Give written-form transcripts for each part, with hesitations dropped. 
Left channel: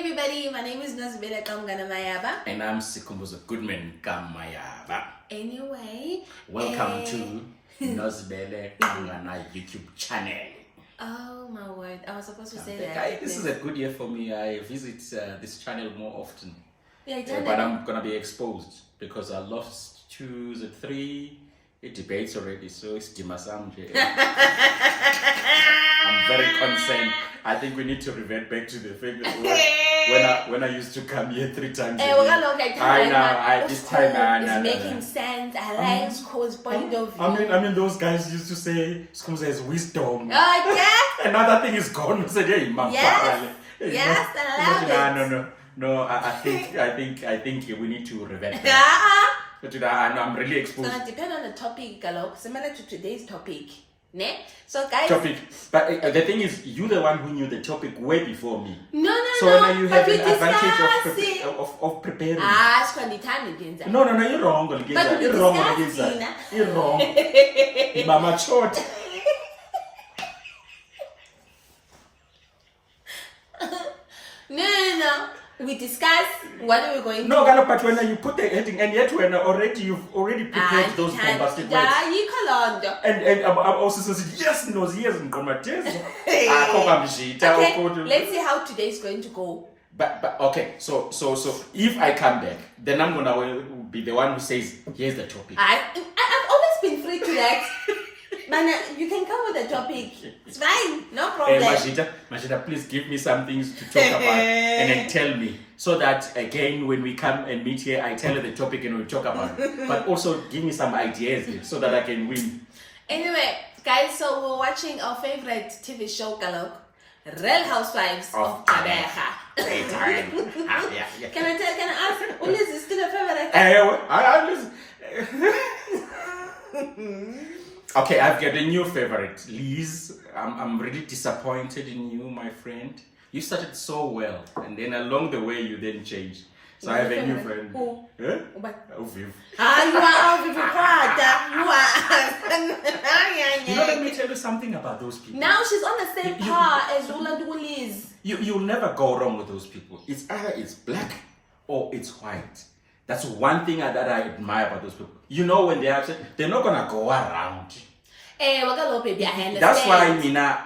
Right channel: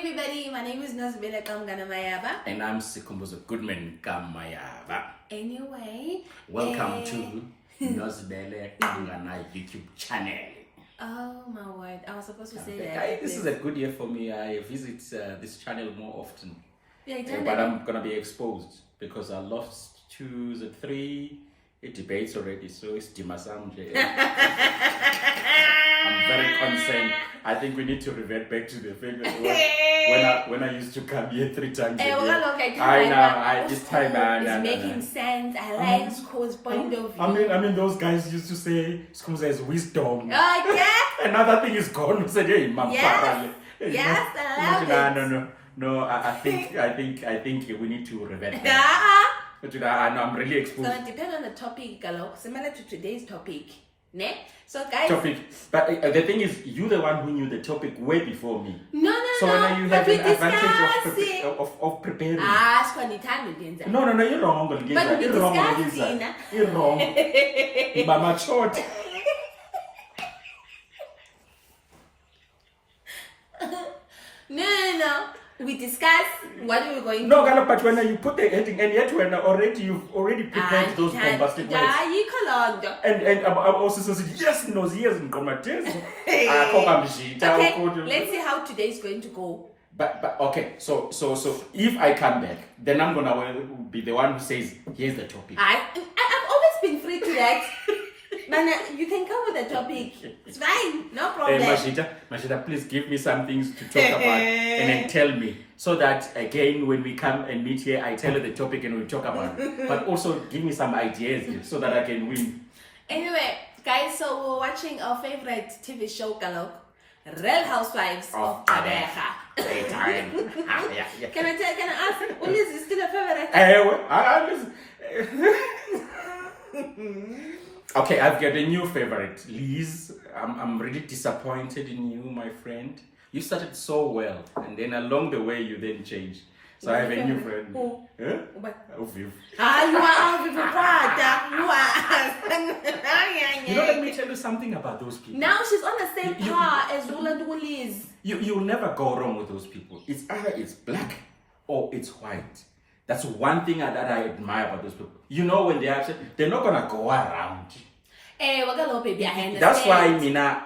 everybody, my name is Nosbela Kamganamayaba. And I'm Sikumbuzo Goodman Kamayaba. Anyway, Welcome to Nosbele Kamgana YouTube channel. Oh my word, I was supposed to say that. This is a good year for me. I visit this channel more often. Yeah, but I'm going to be exposed because I lost 2 or 3 debates already. So it's Dimasamje. I'm very concerned. I think we need to revert back to the thing when I used to come here 3 times a year. This time it's making sense. I like School's point of view. I mean, those guys used to say School has wisdom. Oh yeah. Another thing is gone. Said, hey, yes, I love it. No. I think we need to revert back. But I'm really exposed. So it depends on the topic, Galo. Similar to today's topic. Ne? So guys, but the thing is, you're the one who knew the topic way before me. So now you have an advantage of preparing. No, you're wrong. You're wrong. Mama short. No. We discuss what are we going to do. No, but when you put the heading, and yet when you've already prepared those bombastic words. And I also said yes, and okay, let's see how today is going to go. But okay, so if I come back, then I'm gonna be the one who says here's the topic. I've always been free to that. Man, you can come with the topic. It's fine, no problem. Mashita, please give me some things to talk about and then tell me. So that, again, when we come and meet here, I tell you the topic and we talk about it. But also give me some ideas so that I can win. Anyway, guys, so we're watching our favorite TV show, Galok. Real Housewives of Abeja. Yeah. Can I ask, Ulis is still a favorite? Okay, I've got a new favorite, Liz. I'm really disappointed in you, my friend. You started so well, and then along the way you then changed. So I have a new friend. Who? Viv. You are You know, let me tell you something about those people. Now she's on the same par as Liz. You'll never go wrong with those people. It's either it's black or it's white. That's one thing that I admire about those people. You know, when they're upset, they're not gonna go around. That's why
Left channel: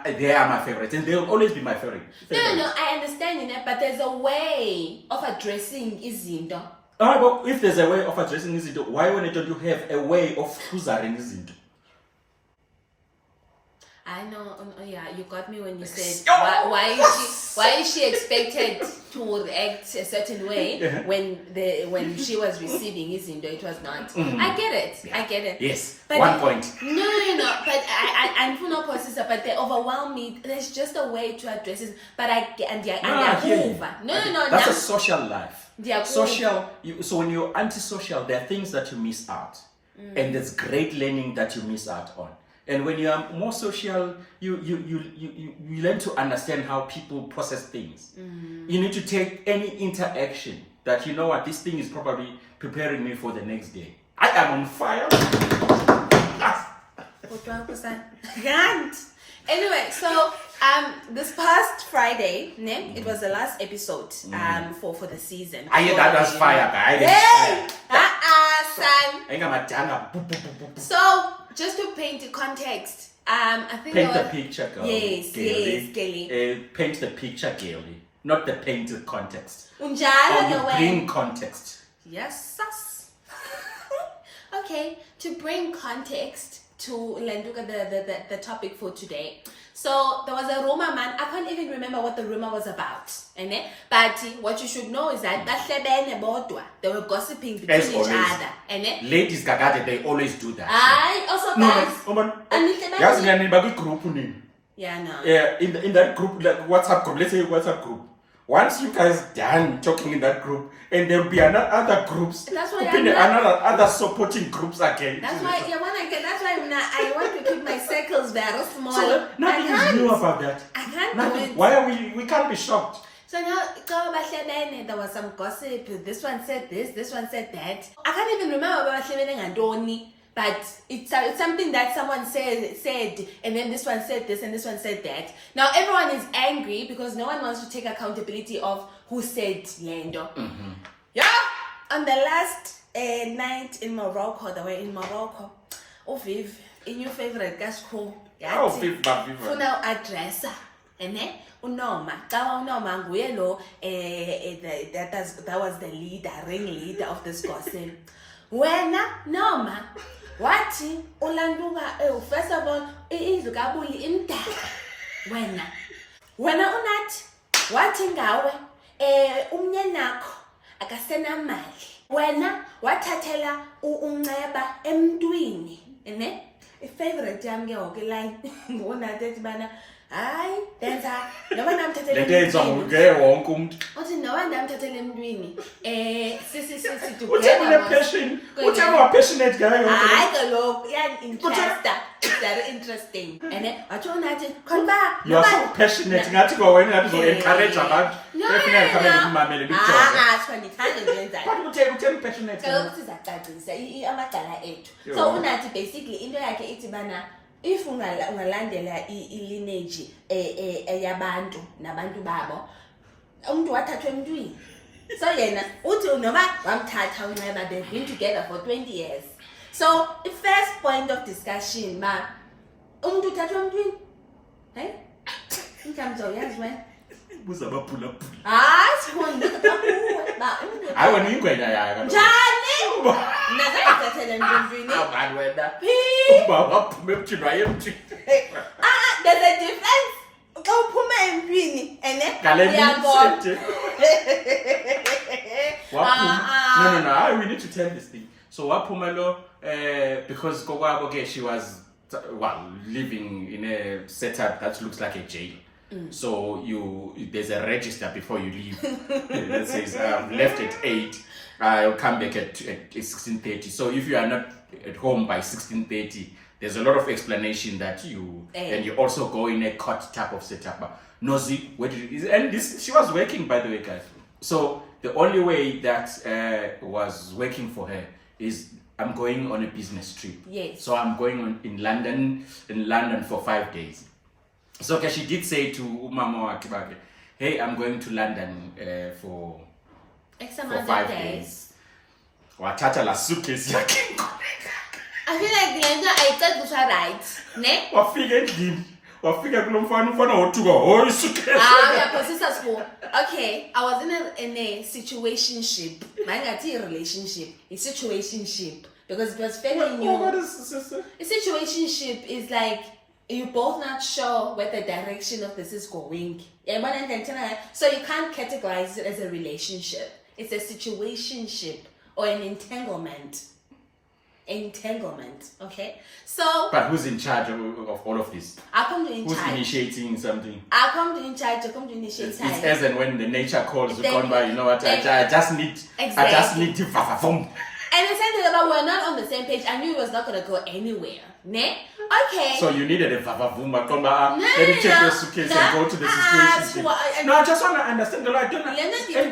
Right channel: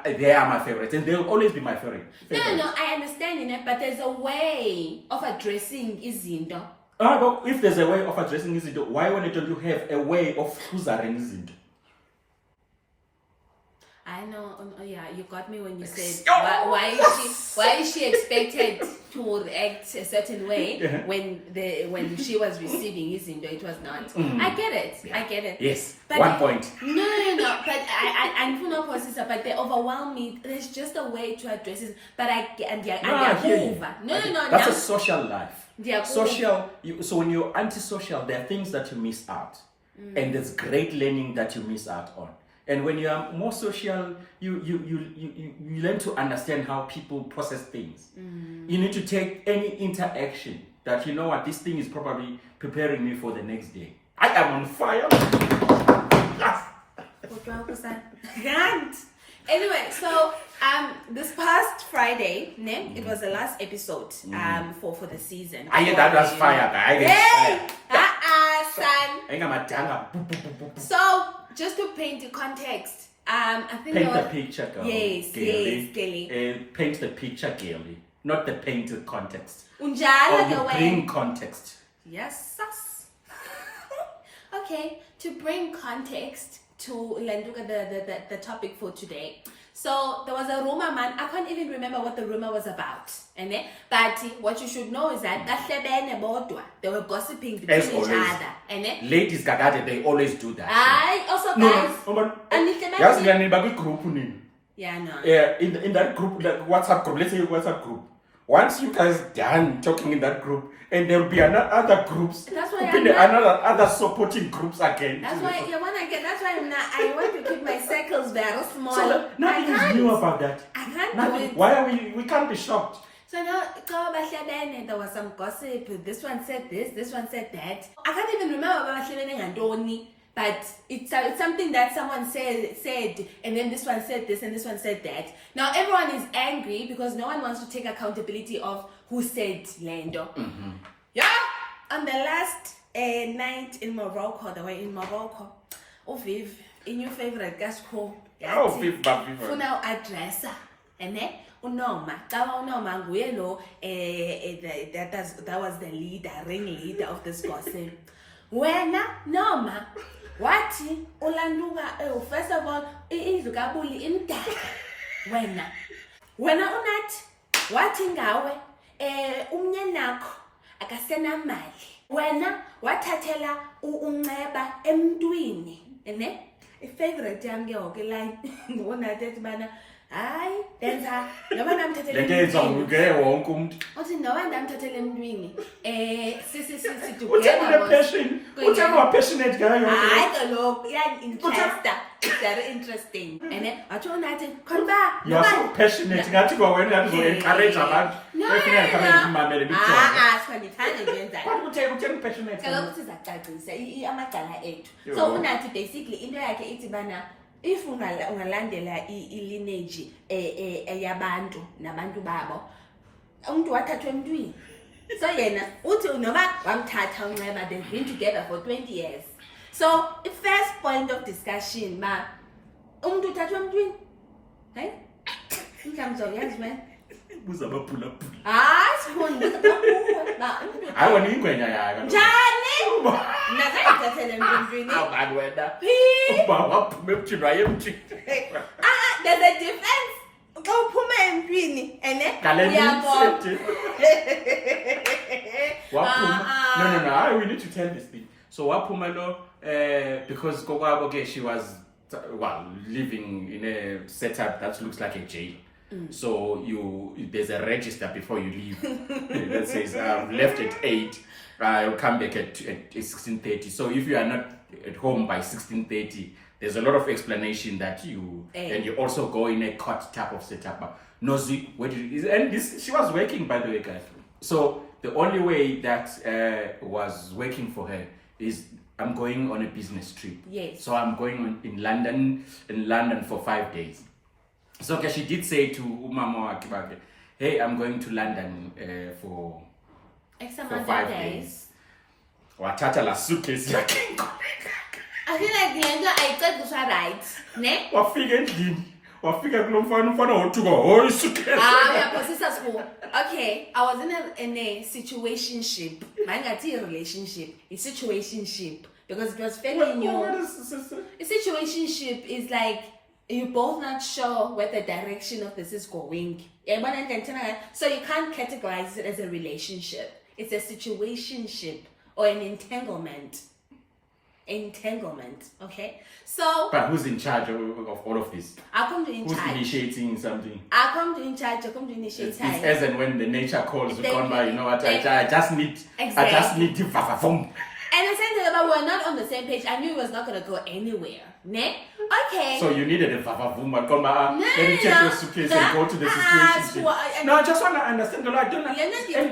they are my favorite, and they'll always be my favorite. No, I understand, but there's a way of addressing izinto. But if there's a way of addressing izinto, why don't you have a way of choosing izinto? I know. Yeah, you got me when you said why is she expected to react a certain way when she was receiving his indo, it was not. I get it. Yeah. I get it. Yes. But 1 point. No. But I do not process it. But they overwhelm me. There's just a way to address it. But No. That's a social life. Social. So when you're antisocial, there are things that you miss out, and there's great learning that you miss out on. And when you are more social, you learn to understand how people process things. You need to take any interaction that, you know what, this thing is probably preparing me for the next day. I am on fire. Anyway, so this past Friday, it was the last episode for the season. That was fire, guys. Son. So, just to paint the context, I think paint the picture, girl. Yes, Kelly. Paint the picture, girlie. Not the painted context. Or you bring context. Yes, sus. Okay, to bring context to the topic for today. So there was a rumor, man. I can't even remember what the rumor was about. But what you should know is that they were gossiping between each other. Ladies, they always do that. I also guys. Group. Yeah, no. Yeah, in that group, like WhatsApp group. Let's say WhatsApp group. Once you guys done talking in that group, and there'll be other groups. That's why other supporting groups again. That's why I want to keep my circles very small. So nothing is new about that. I can't nothing. do it. Why are we can't be shocked. So now, there was some gossip. This one said this one said that. I can't even remember but it's something that someone said, and then this one said this, and this one said that. Now everyone is angry because no one wants to take accountability of who said lendo. Yeah, on the last night in Morocco, they were in Morocco. Oh, Viv, in your favorite gas school. Oh, Viv, Funa address. Ene unoma kawa unoma nguye lo that was the ringleader of this gossip. Wena noma wathi ulanduka first of all indlu kabuli imdaka. Wena unathi wathi ngawe umnyanakho akasena mali. Wena wathathela unceba emntwini ene ifavorite yami ke wonke line ngibona ukuthi bana hayi denza noba namthathele le nto yenziwa nguke wonke umuntu uthi noba namthathele emntwini sisi uthena passionate ngayo hayi kaloku interesta very interesting ene wathi unathi khona you are so passionate ngathi kwa wena ngathi encourage abantu efuna kamele kumamele bikujonge sifandithane njenzayo uthena passionate kaloku sizacacisa amagcala ethu so unathi basically into yakhe ithi bana if ungalandela i-lineage yabantu nabantu babo umuntu wathathwa emntwini so yena uthi noma wamthatha unceba they've been together for 20 years so the first point of discussion ma umuntu uthathwa emntwini hayi inkamzo yazi wena buza baphulaphula sifunda ba umuntu hayi wena ingwenya yaka njani nazayithathele emntwini abantu wena ubaba phuma emntwini wayemntwini there's a difference xa uphuma emntwini ene uyabona no we need to tell this thing so waphuma lo because kokwabo ke she was living in a setup that looks like a jail. So there's a register before you leave that says left at 8, I'll come back at 16:30. So if you are not at home by 16:30, there's a lot of explanation that and you also go in a court type of setup. Nozi, she was working, by the way, guys. So the only way that was working for her is I'm going on a business trip. Yes. So I'm going in London for 5 days. So okay, she did say to Umama Wakibake, hey, I'm going to London for 5 days. Watata la suitcase yakhe. I feel like Glenda ayicacisa right, ne? Wafika endlini. Wafika kulo mfana wothuka hoy suitcase. Uyaphosisa school. Okay, I was in a situationship. Mangathi relationship, a situationship because it was fairly new. What is this? A situationship is like you're both not sure where the direction of this is going. So you can't categorize it as a relationship. It's a situationship or an entanglement. Okay? So but who's in charge of all of this? I come to in who's charge. Initiating something? I come to in charge, I come to initiate. It's as and when the nature calls, you come by, you know what, I just need to vavavum. And I said that we were not on the same page. I knew it was not going to go anywhere. Ne? Okay. So you needed a vavavuma. Come on, let me check your suitcase and go to the situation. No, I just want to understand. I don't know.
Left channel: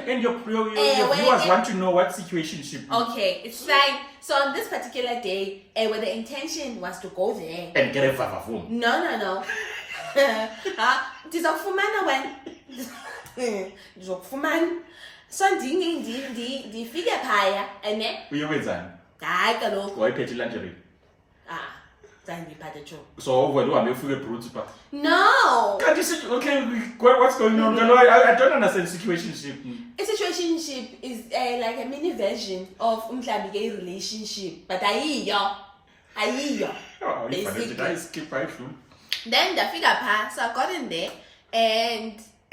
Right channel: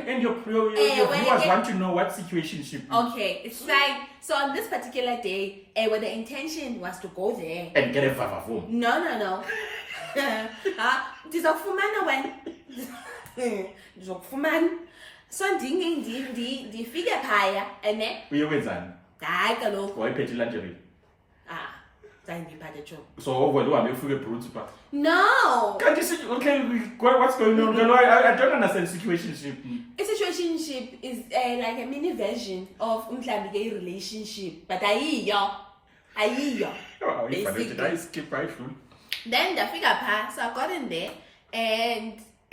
And your viewers want to know what situationship. Okay, it's like, so on this particular day, where the intention was to go there. And get a vavavum. No. Ndizokufumana when. Ndizokufumana. So ndifike phaya ene uyokwenzani hayi kaloku wayiphethe lingerie zange ngiphathe cho so wena uhambe ufike eBroots Park no kanti okay what's going on I don't understand situationship. A situationship is like a mini version of umhlambi ke relationship but ayiyo basically I skip right through. Then ndafika pha so I got in there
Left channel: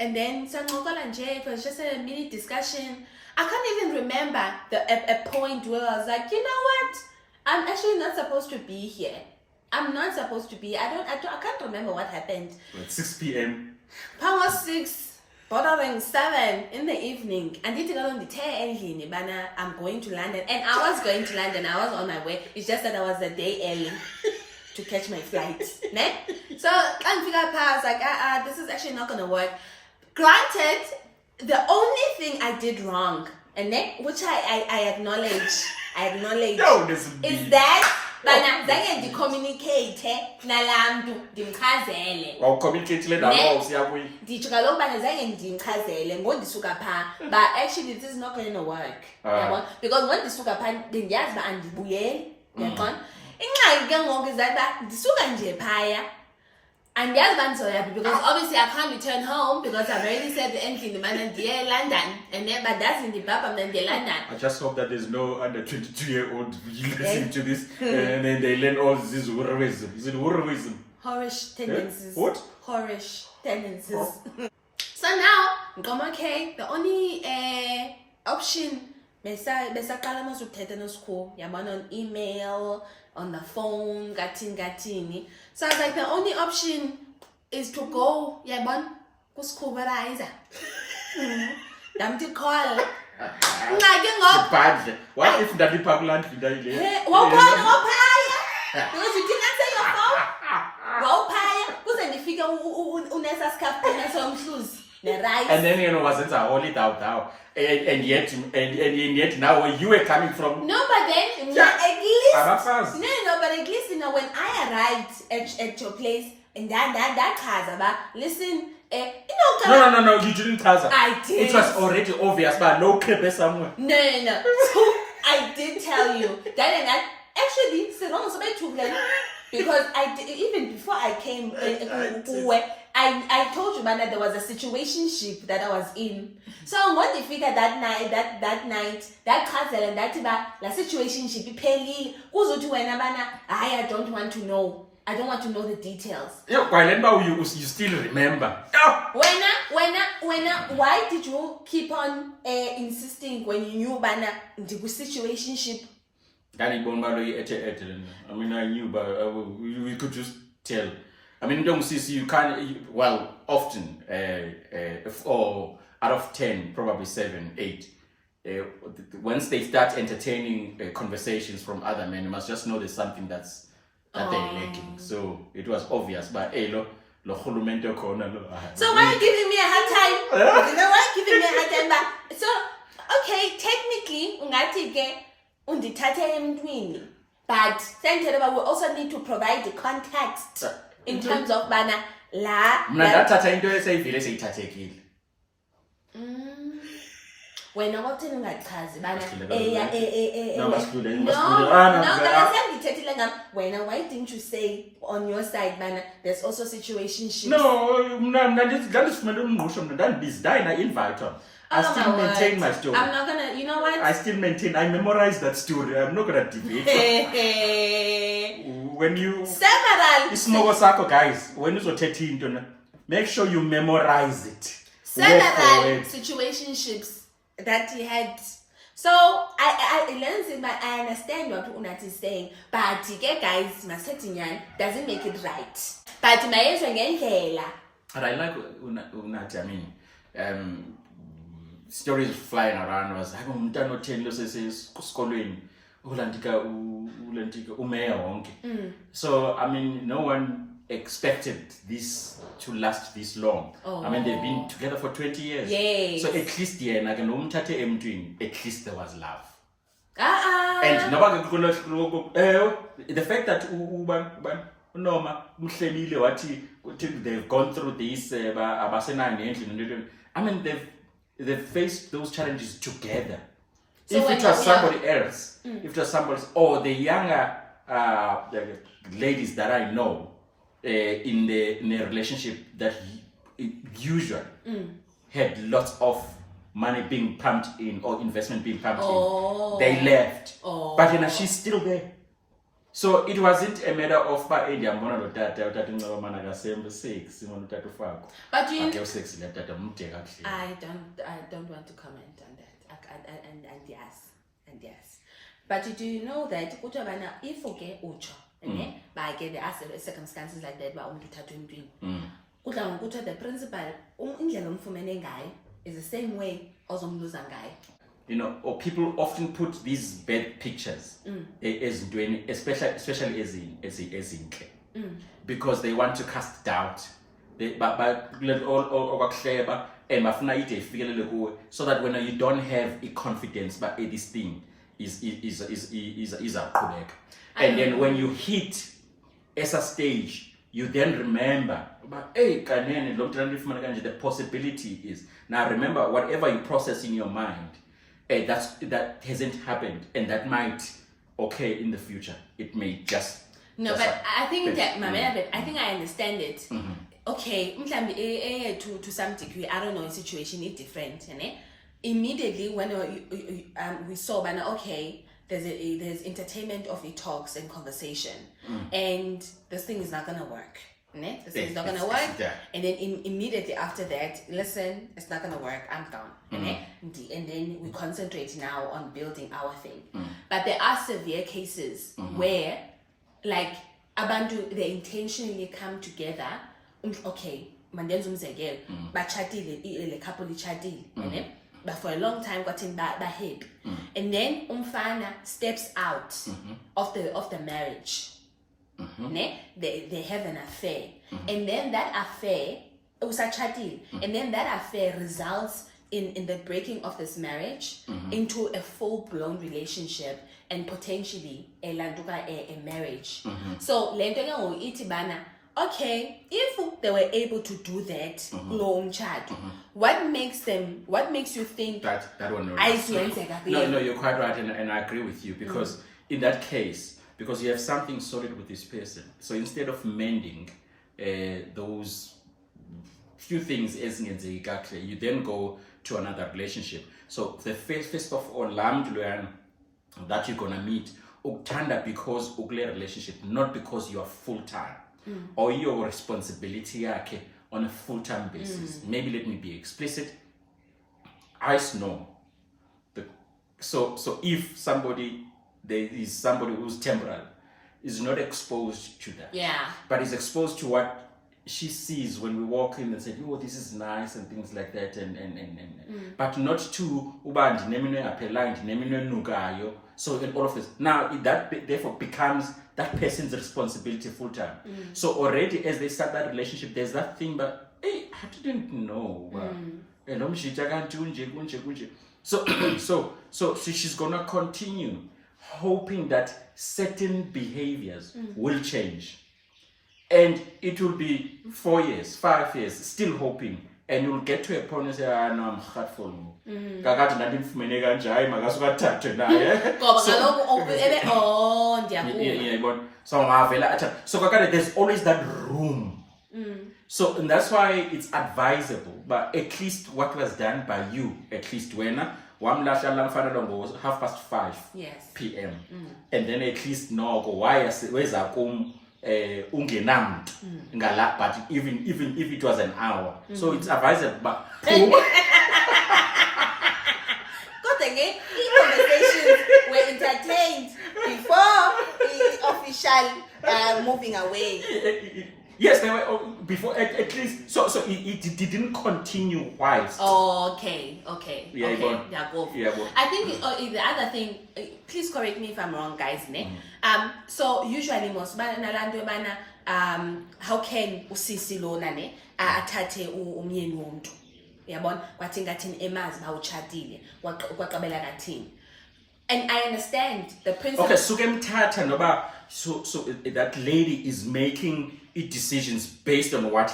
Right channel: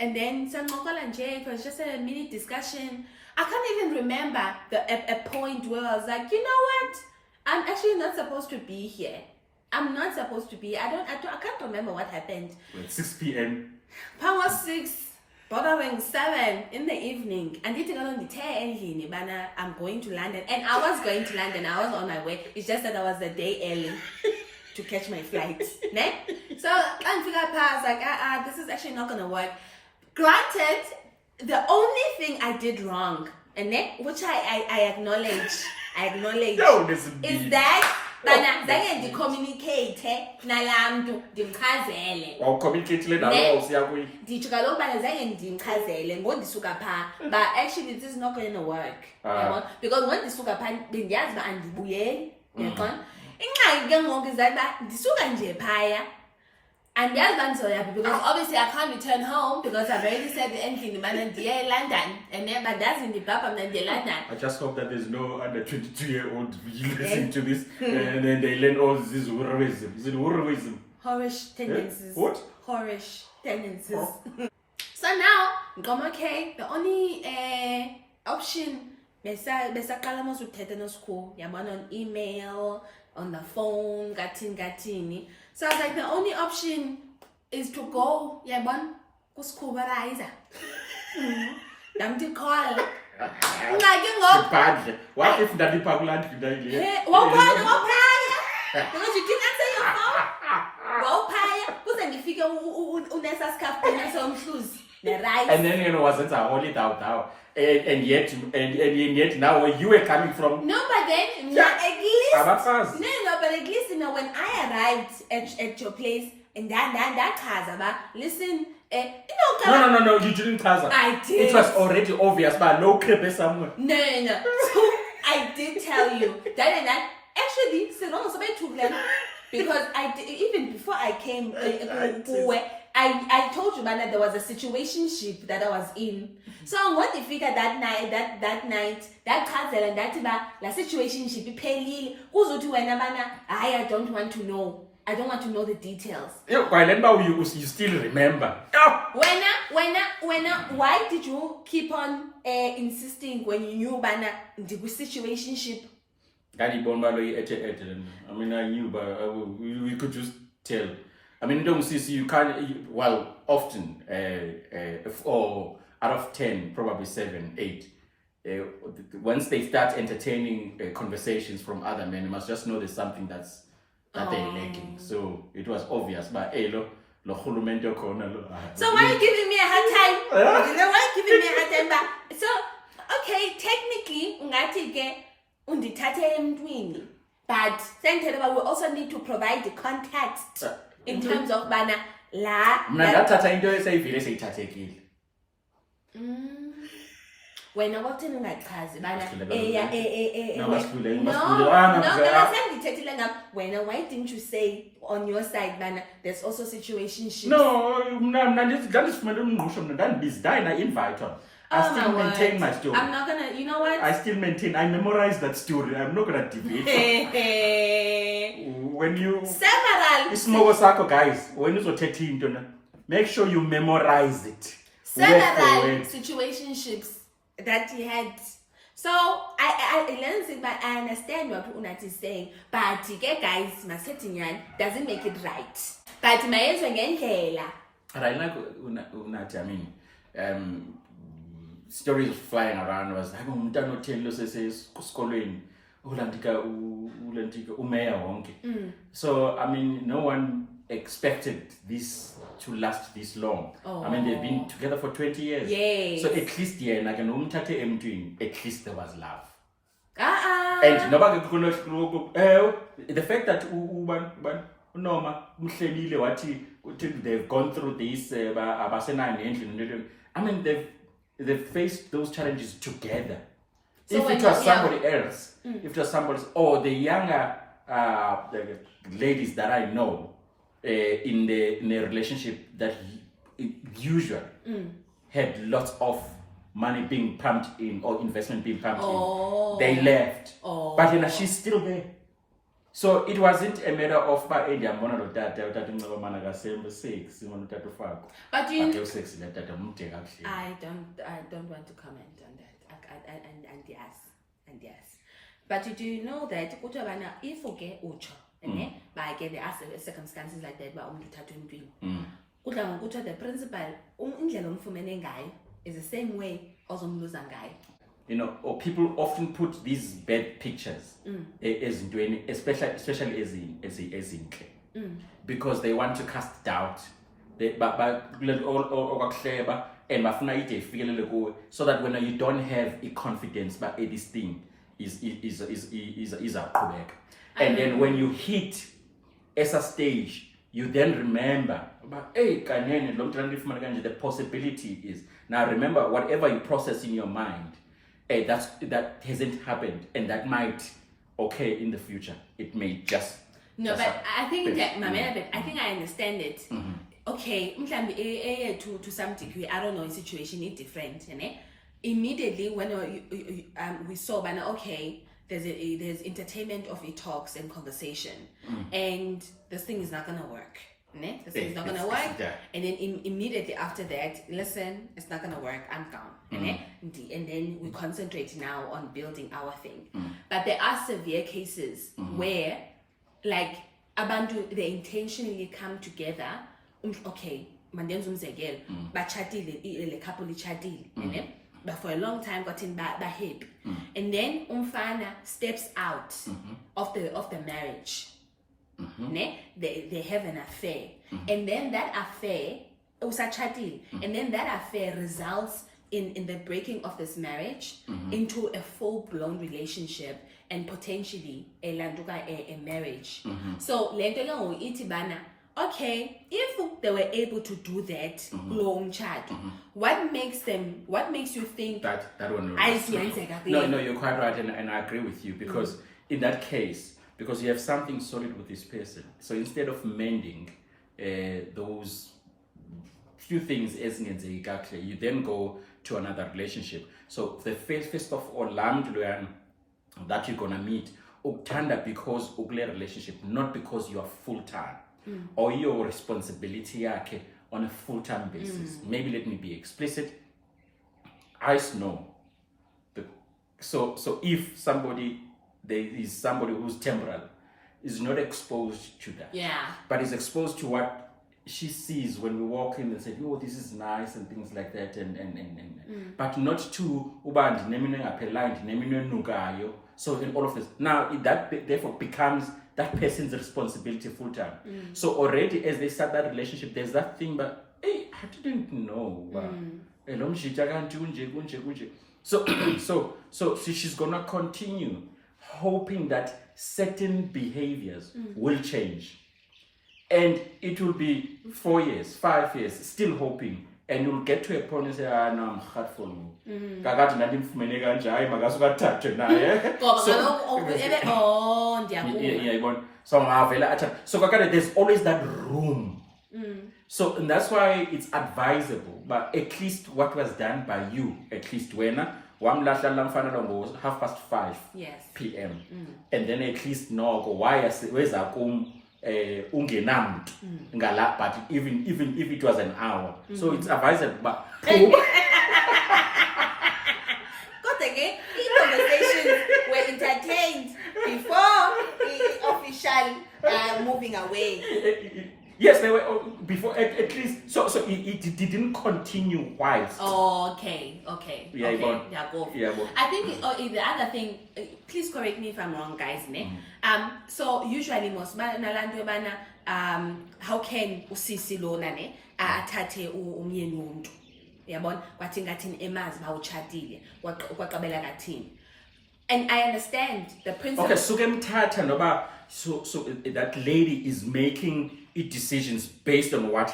and then it was just a mini discussion. I can't even remember a point where I was like, you know what? I'm actually not supposed to be here. I'm not supposed to be. I can't remember what happened. At 6 p.m. Power 6, bordering 7 in the evening. And I'm going to London. And I was going to London. I was on my way. It's just that I was a day early to catch my flight. Ne? So I was like, this is actually not going to work. Granted, the only thing I did wrong, and which I acknowledge, is that bana zange ndicommunicate nalamntu ndimchazele Wawucommunicate nalo usiya kuyi. nditsho kaloku bana zange ndimchazele ngondisuka phaa but actually this is not going to work yabona because ngondisuka phaa bendiyazi uba andibuyeli yaqona ingxaki ke ngoku izayo uba ndisuka nje phaya andiyazi uba ndizoyaphi because obviously I can't return home because I've already said endlini bana ndiye eLondon and then bandazi ndibhabha mna ndiye London. I just hope that there's no under 22-year-old listening to this and then they learn all this Housewives. Is it Housewives? Horish tendencies. What? Horish tendencies. So now, okay, the only option besaqala mos ukuthetha nosikho yabona on email, on the phone, gathini. So I was like, the only option is to go, yabona, kusikhubarizer. Damn to call. What if Daddy Pakuland Fidai? Because you didn't answer your phone. Wawuphaya kuze ndifike unesa scarf somhluzi ne-rice. And then wasn't a holy thou and yet now where you were coming from. No, but then at least but at least when I arrived at your place and that chaza listen No, you didn't chaza. I did. It was already obvious but no crepe somewhere. No. So I did tell you that actually because I did, even before I came I told you man that there was a situationship that I was in. So I'm going to figure that night that cousin and that la situationship iphelile kuzothi wena bana I don't want to know. I don't want to know the details. Yeah, while you still remember. Why did you keep on insisting when you knew bana the situationship? I mean, I knew, but we could just tell. I mean, don't see you can't. Often, or out of 10, probably 7, 8. Once they start entertaining conversations from other men, you must just know there's something that they're lacking. So it was obvious, but hey, lo khulumento khona lo. So why are you giving me a hard time? Why are you giving me a hard time? So okay, technically, ungathi ke undithathe emntwini, but we also need to provide the context in terms of bana la. Mna ndathatha into esayivile seyithathekile. Wena kwakutheni ungachazi bana wena why didn't you say on your side bana there's also situationships? No, mna ndandifumene umngqusho mna ndandibizi dayina invite on. I still maintain my story. I'm not gonna, you know what? I memorize that story. I'm not gonna deviate. When you several ismogo sakho guys, when you uzothetha into na, make sure you memorize it. Several situationships that he had. So I learned it, but I understand what Unat is saying. But guys, Masetinyan doesn't make it right. But my ngendlela. And I like Unat, I mean, stories flying around was umntana otheni sesesikolweni ulandika umeya wonke. So I mean no one expected this to last this long. I mean they've been together for 20 years. Yes. So at least yena ke nomthathe emntwini, at least there was love. And the fact that unoma umhlebile wathi they've gone through this abasenani endlini. I mean they've faced those challenges together. So if it was somebody else, if it was somebody else, or the younger the ladies that I know in a relationship that usually had lots of money being pumped in or investment being pumped in, they left. But she's still there. So it wasn't a matter of but you but I don't want to comment on that. And yes. But do you know that if okay ucho but again there are circumstances like that the principal is the same way as you know, or people often put these bad pictures as doing, especially as in because they want to cast doubt. But all and so that when you don't have a confidence, but this thing is a And then when you hit esa stage, you then remember about, hey, kanene, the possibility is. Now remember, whatever you process in your mind, that hasn't happened, and that might occur in the future. It may just... No, but I think that, I think I understand it. Okay, to some degree, I don't know, the situation is different. Immediately when we saw, okay, there's entertainment of the talks and conversation, and this thing is not gonna work. This thing is not gonna work, and then immediately after that, listen, it's not gonna work, I'm gone. And then we concentrate now on building our thing. But there are severe cases where, like, abantu, they intentionally come together. Okay, mandenza umzekelo, bachatile, le couple lichatile, but for a long time got in happy, and then umfana steps out of the marriage. They have an affair, and then that affair and then that affair results in the breaking of this marriage into a full-blown relationship and potentially a marriage. So lento ke ngokuthi bana, okay, if they were able to do that, what makes you think that one? No, you're quite right, and I agree with you, because in that case, because you have something solid with this person, so instead of mending those few things, you then go to another relationship. So the first of all, that you're gonna meet, uktanda because ukule relationship, not because you are full time or your responsibility on a full time basis. Maybe let me be explicit. I know. So if there is somebody who's temporal, is not exposed to that. But is exposed to what she sees when we walk in and say, oh, this is nice and things like that, and but not to ubandi nemino appellant nemino nugayo. So in all of this, now that therefore becomes that person's responsibility full time. So already as they start that relationship, there's that thing, but hey, I didn't know. So she's gonna continue hoping that certain behaviors will change. And it will be 4 years, 5 years, still hoping. And you'll get to a point and say, no, I'm hurtful. So there's always that room. So and that's why it's advisable, but at least what was done by you, at least when 5:30 p.m. And then at least no go why where's ungenam ngala, but even if it was an hour, so it's advisable, but conversations were entertained before the official moving away. Yes, they were before at least. So it didn't continue whilst. Oh, okay. Yeah, go. I think the other thing. Please correct me if I'm wrong, guys. So usually most how can usisi lo lane athathe umyeni womuntu, yabona kwathi ngathini emazi bawuchadile kwaqabela kathini. And I understand the principle. Okay, so that lady is making decisions based on what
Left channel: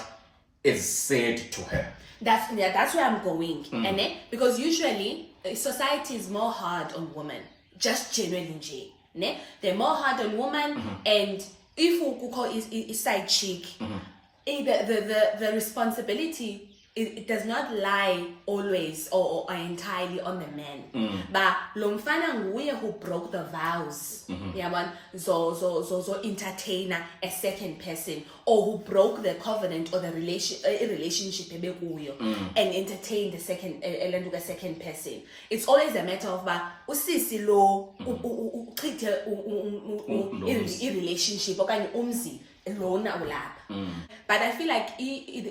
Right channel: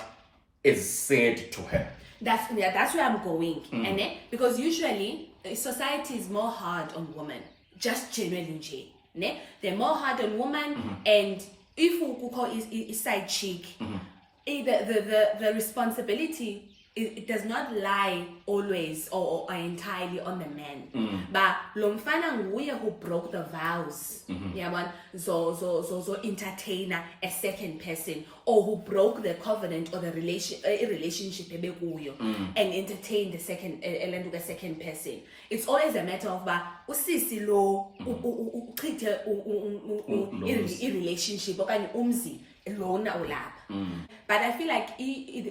is said to her. That's where I'm going. And then, because usually society is more hard on women, just generally. They're more hard on women, and if we call it side chick, the responsibility, it does not lie always or entirely on the man. But lomfana nguye who broke the vows. So entertain a second person, or who broke the covenant or the relationship and entertain the second person. It's always a matter of usisi lo relationship okanye umzi lona ulapha. But I feel like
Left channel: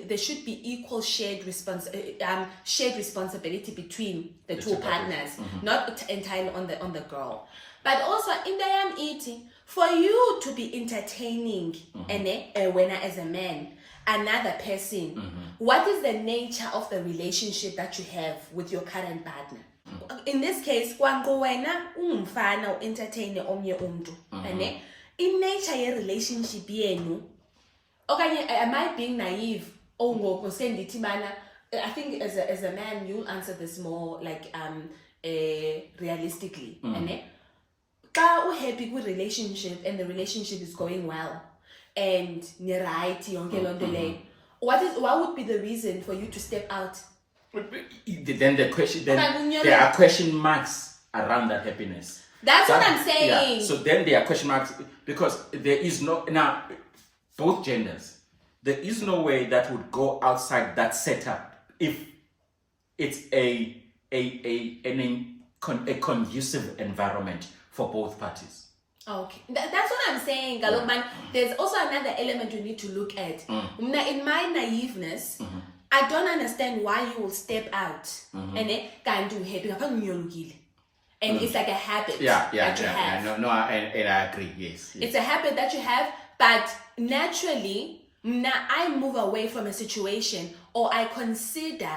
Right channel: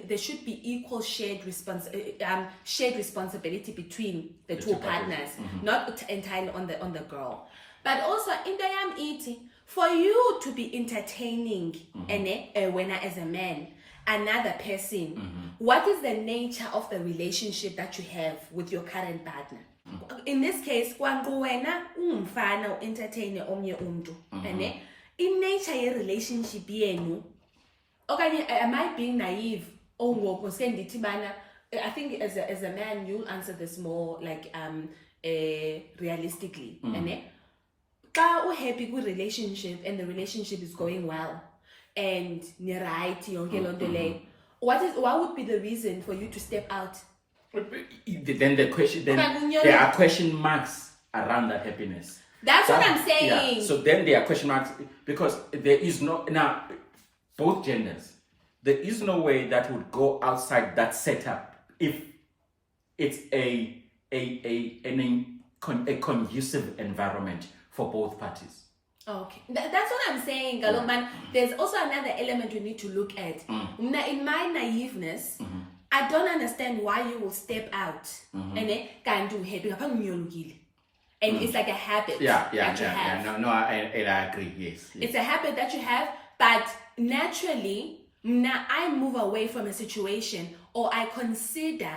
there should be equal shared responsibility between the two partners, not entirely on the girl. But also in the eating, for you to be entertaining when as a man, another person, what is the nature of the relationship that you have with your current partner? In this case, kwangu wena ungumfana entertain omnye umuntu, in nature ye relationship yenu okanye am I being naive ngoku sendithi bana I think as a man you'll answer this more like realistically ene xa uhappy kwi-relationship and the relationship is going well and right yonke loo nto leyo what would be the reason for you to step out? Then the question, then there are question marks around that happiness. That's what I'm saying. Yeah. So then there are question marks because there is no, now both genders, there is no way that would go outside that setup if it's a conducive environment for both parties. Okay, that's what I'm saying, Galok man. There's also another element you need to look at. In my naiveness, I don't understand why you will step out and can't do happy. And it's like a habit. Yeah. No, I agree. Yes. It's a habit that you have, but naturally, now I move away from a situation or I consider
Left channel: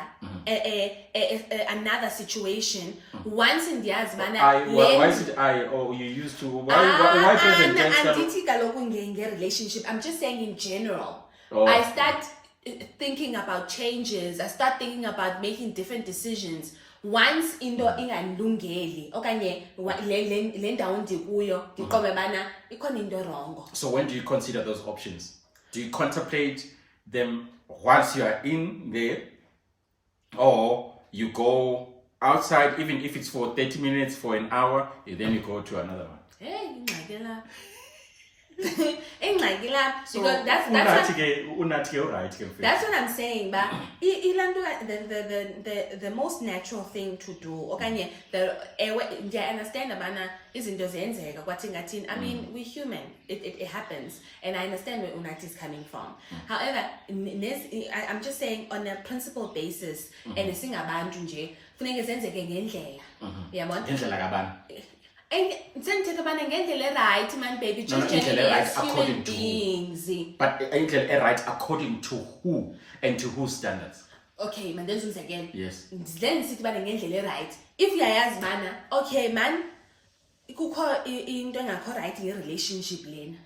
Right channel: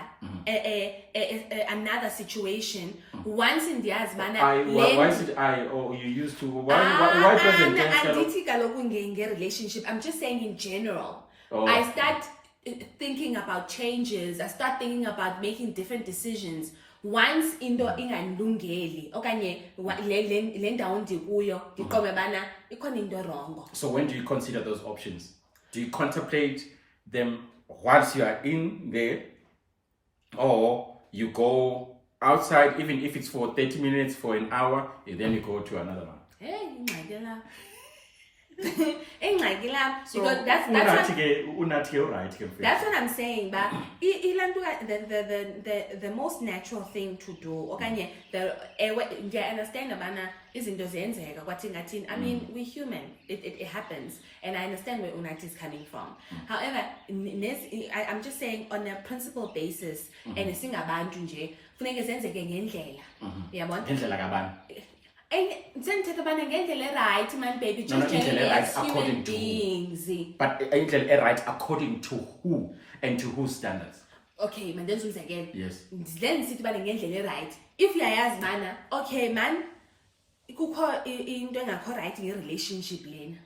another situation once in the years. Why is it I or you used to? Why present tense? Relationship. I'm just saying in general. Oh. I start thinking about changes. I start thinking about making different decisions. Once into ingandungeli okanye le ndawo ndikuyo ndiqombe bana ikhona into wrong. So when do you consider those options? Do you contemplate them once you are in there, or you go outside, even if it's for 30 minutes, for an hour, and then you go to another one? Hey, So because that's what I'm saying, but the most natural thing to do okanye I understand abana izinto zenzeka kwathi I mean we're human, it happens, and I understand where Unati is coming from. However, I'm just saying on a principle basis and singabantu nje funeke zenzeke ngendlela yabona ngendlela kabani. And then right, man, baby. No, right according to beings. Who? But right according to who and to whose standards? Okay, man, then again. Yes. Then sit right. If you ask man, okay, man, kukho into engakho right in your relationship lane.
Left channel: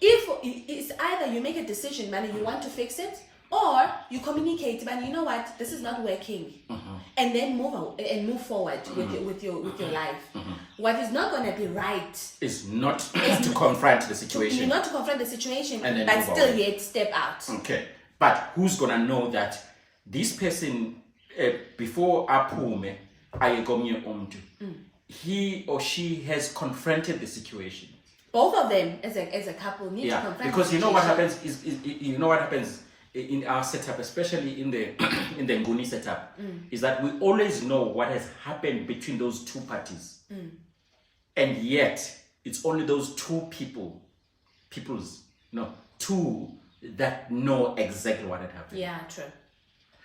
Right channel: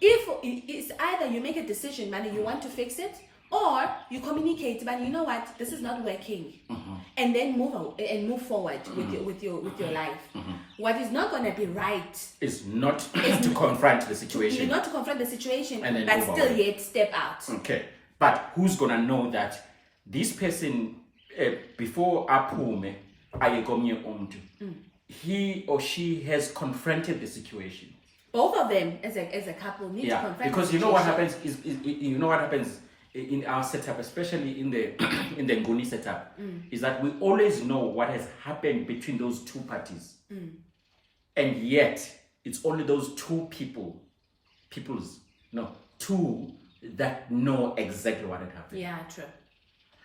If it's either you make a decision, man, you want to fix it, or you communicate, but you know what, this is not working, and then move forward with your life. What is not going to be right is not to confront the situation. Not to confront the situation, and then but still away. Yet step out. Okay, but who's going to know that this person before apume ayegomnye umuntu, he or she has confronted the situation? Both of them as a couple need to confront. Because you know what happens is you know what happens in our setup, especially in the in the Nguni setup, is that we always know what has happened between those two parties, and yet it's only those two two that know exactly what had happened. Yeah, true.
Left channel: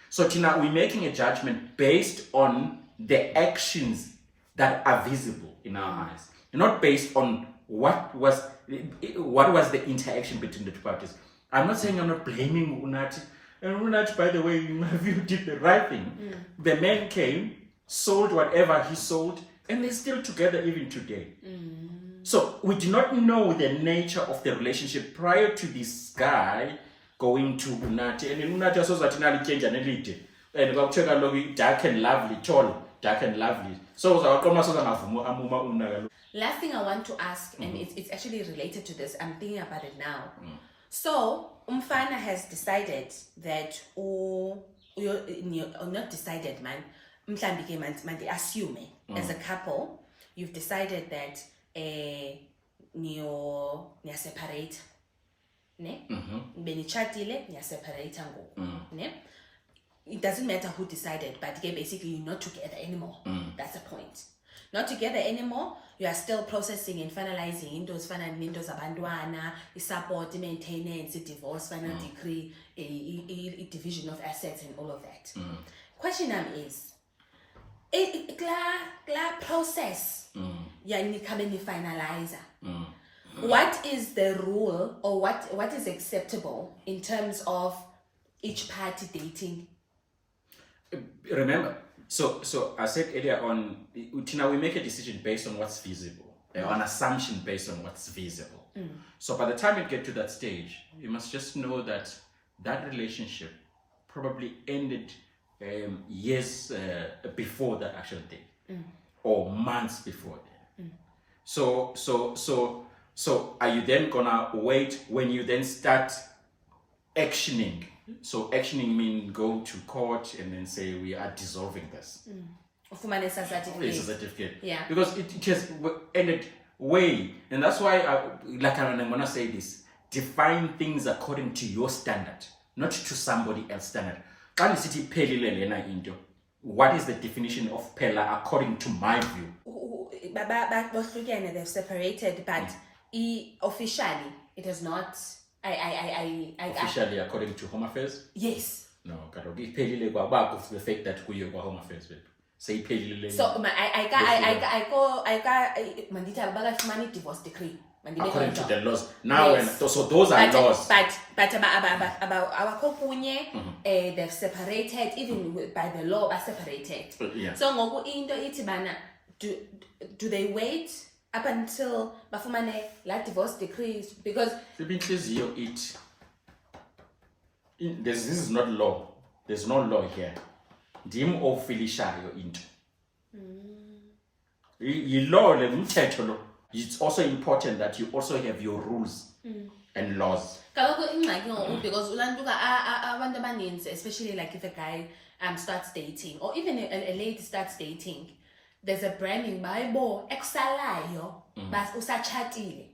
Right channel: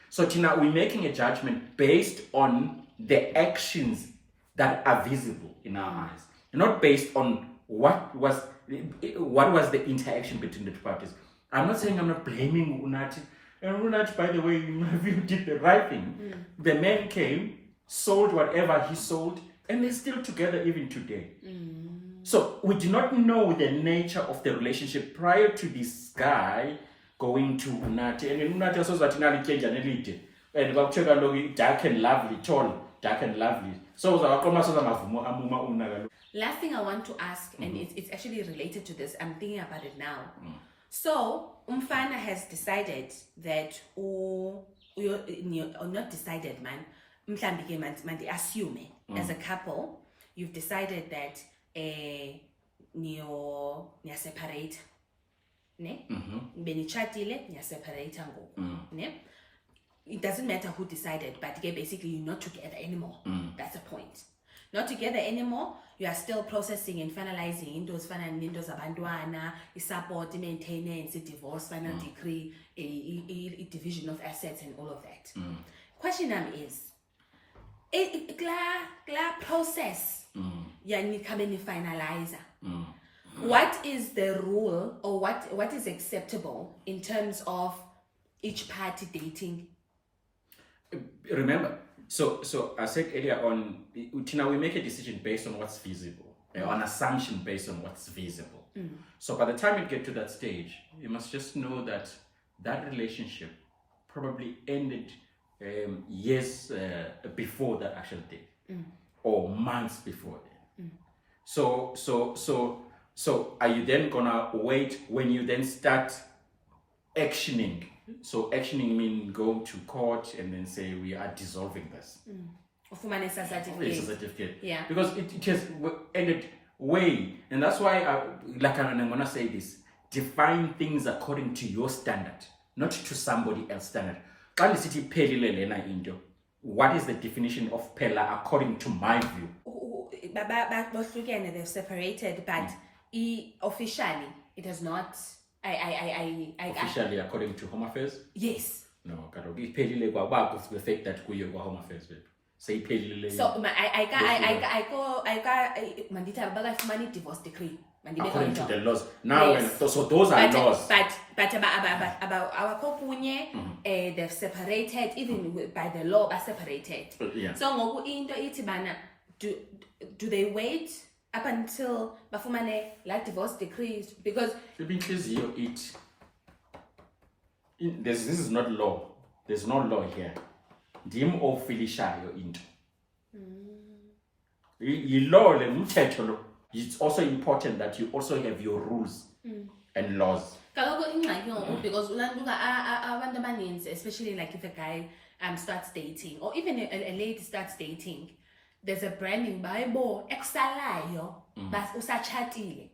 So Tina, we're making a judgment based on the actions that are visible in our eyes, not based on what was the interaction between the two parties. I'm not saying I'm not blaming Unati. And Unati, by the way, in my view, did the right thing. The man came, sold whatever he sold, and they're still together even today. So we do not know the nature of the relationship prior to this guy going to Unati. And Unati also said that change and elite. And about dark and lovely, tall, dark and lovely. So last thing I want to ask, and it's actually related to this. I'm thinking about it now. So, Umfana has decided that, or not decided, man, assume as a couple, you've decided that you're separate. Ne? Benichatile, you're separate. Ne? It doesn't matter who decided, but basically you're not together anymore. That's the point. Not together anymore. You are still processing and finalizing into abantwana, support, maintenance, divorce, final decree, a division of assets, and all of that. Question is, process, finalizer. What is the rule, or what is acceptable in terms of each party dating? Remember, so I said earlier on, Tina, we make a decision based on what's feasible. on assumption based on what's visible. So by the time you get to that stage, you must just know that that relationship probably ended years before that actual date, or months before then. So are you then gonna wait when you then start actioning? So actioning means go to court and then say we are dissolving this. Ufumane esa certificate. It's a certificate. Yeah. Because it has ended way, and that's why I'm gonna say this: define things according to your standard, not to somebody else's standard. What is the definition of phela according to my view? They've separated, but officially it is not. Officially, according to Home Affairs? Yes. No, the fact that we are Home Affairs. Say so I got divorce decree. According to the laws. Now, yes. So those are laws. But about our kopunye, they've separated, even by the law, are separated. Yeah. So ngoku into itibana, do they wait up until bafumane like divorce decrees? Because this is not law. There's no law here. Dim of filishayo into. Law it's also important that you also have your rules and laws. Because especially like if a guy starts dating, or even a lady starts dating, there's a branding Bible exalayo but usachatile.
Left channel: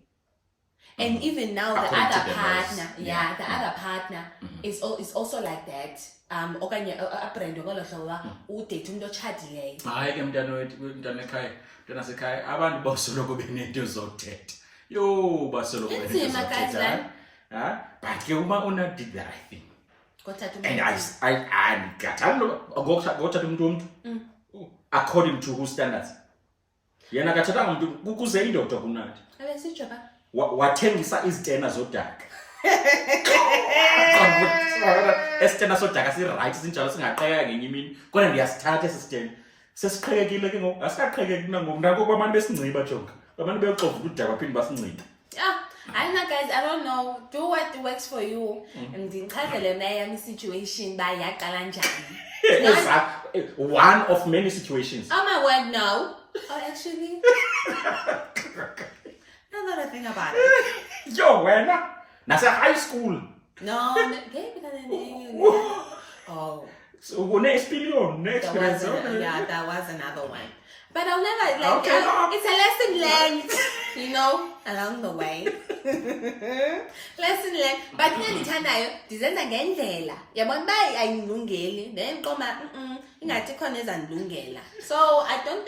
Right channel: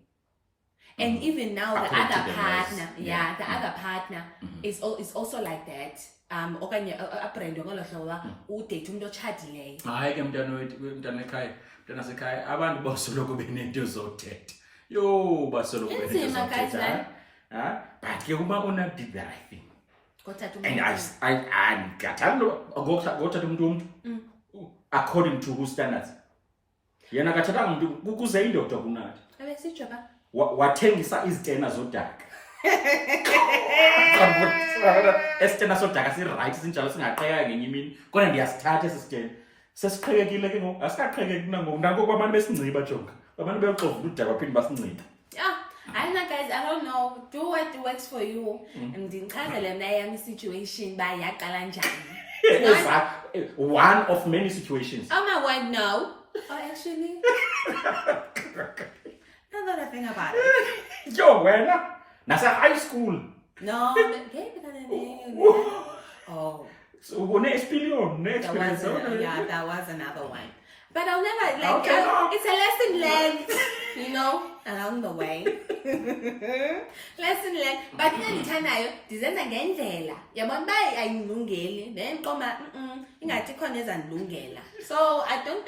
And even now the other partner, the other partner is also like that. Okanye brand udate umuntu ochadileyo. Hayi ke mntana ekhaya, mntana sekhaya abantu basoloko benento zothetha. Yo basoloko benento zothetha. But ke uma una did the right thing. And I ngathanda ngothatha umuntu according to whose standards. Yena kathatha umuntu kuze indoda kunathi. Alesitsho ba? Wathengisa izitena zodaka. Esitena sodaka si-right sinjalo singaqhekeka ngenye imini kodwa ndiyasithatha esi sitena sesiqhekekile ke ngoku asikaqhekeki nangoku nangoku abantu besinciba jonga abantu beyoxova udaka baphinde basinciba. I don't know, guys. I don't know. Do what works for you. And the situation by one of many situations. Oh my word, no. Oh, actually, now that I think about it. Yo, when? That's a high school. No, oh. So next experience. That was another one. But I'll never like. Okay, it's a lesson learned, along the way. Lesson learned. But ndithandayo ndizenza ngendlela. Yabona bayi ayilungeli. Then koma ingathi khona ezandilungela. So I don't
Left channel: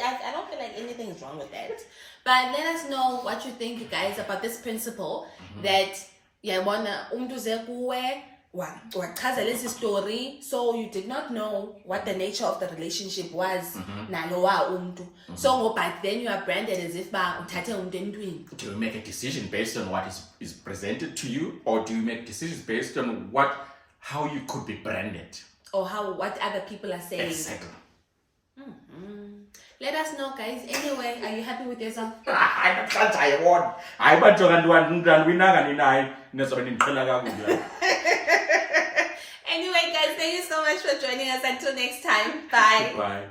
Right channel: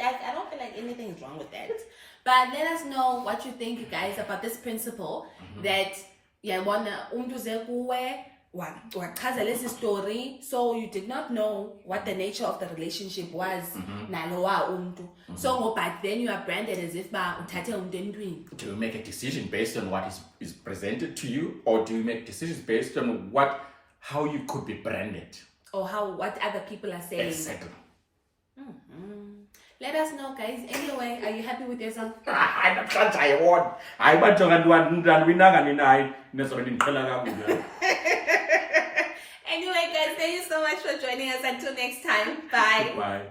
feel like anything is wrong with that. But let us know what you think, you guys, about this principle that yabona umuntu ze kuwe wachazela esi story, so you did not know what the nature of the relationship was nalowa umuntu. So but then you are branded as if ba uthathe umuntu entwini. Do you make a decision based on what is presented to you, or do you make decisions based on how you could be branded, or what other people are saying? Exactly. Let us know, guys. Anyway, are you happy with yourself? I won. I want to Anyway, guys, thank you so much for joining us. Until next time. Bye. Bye.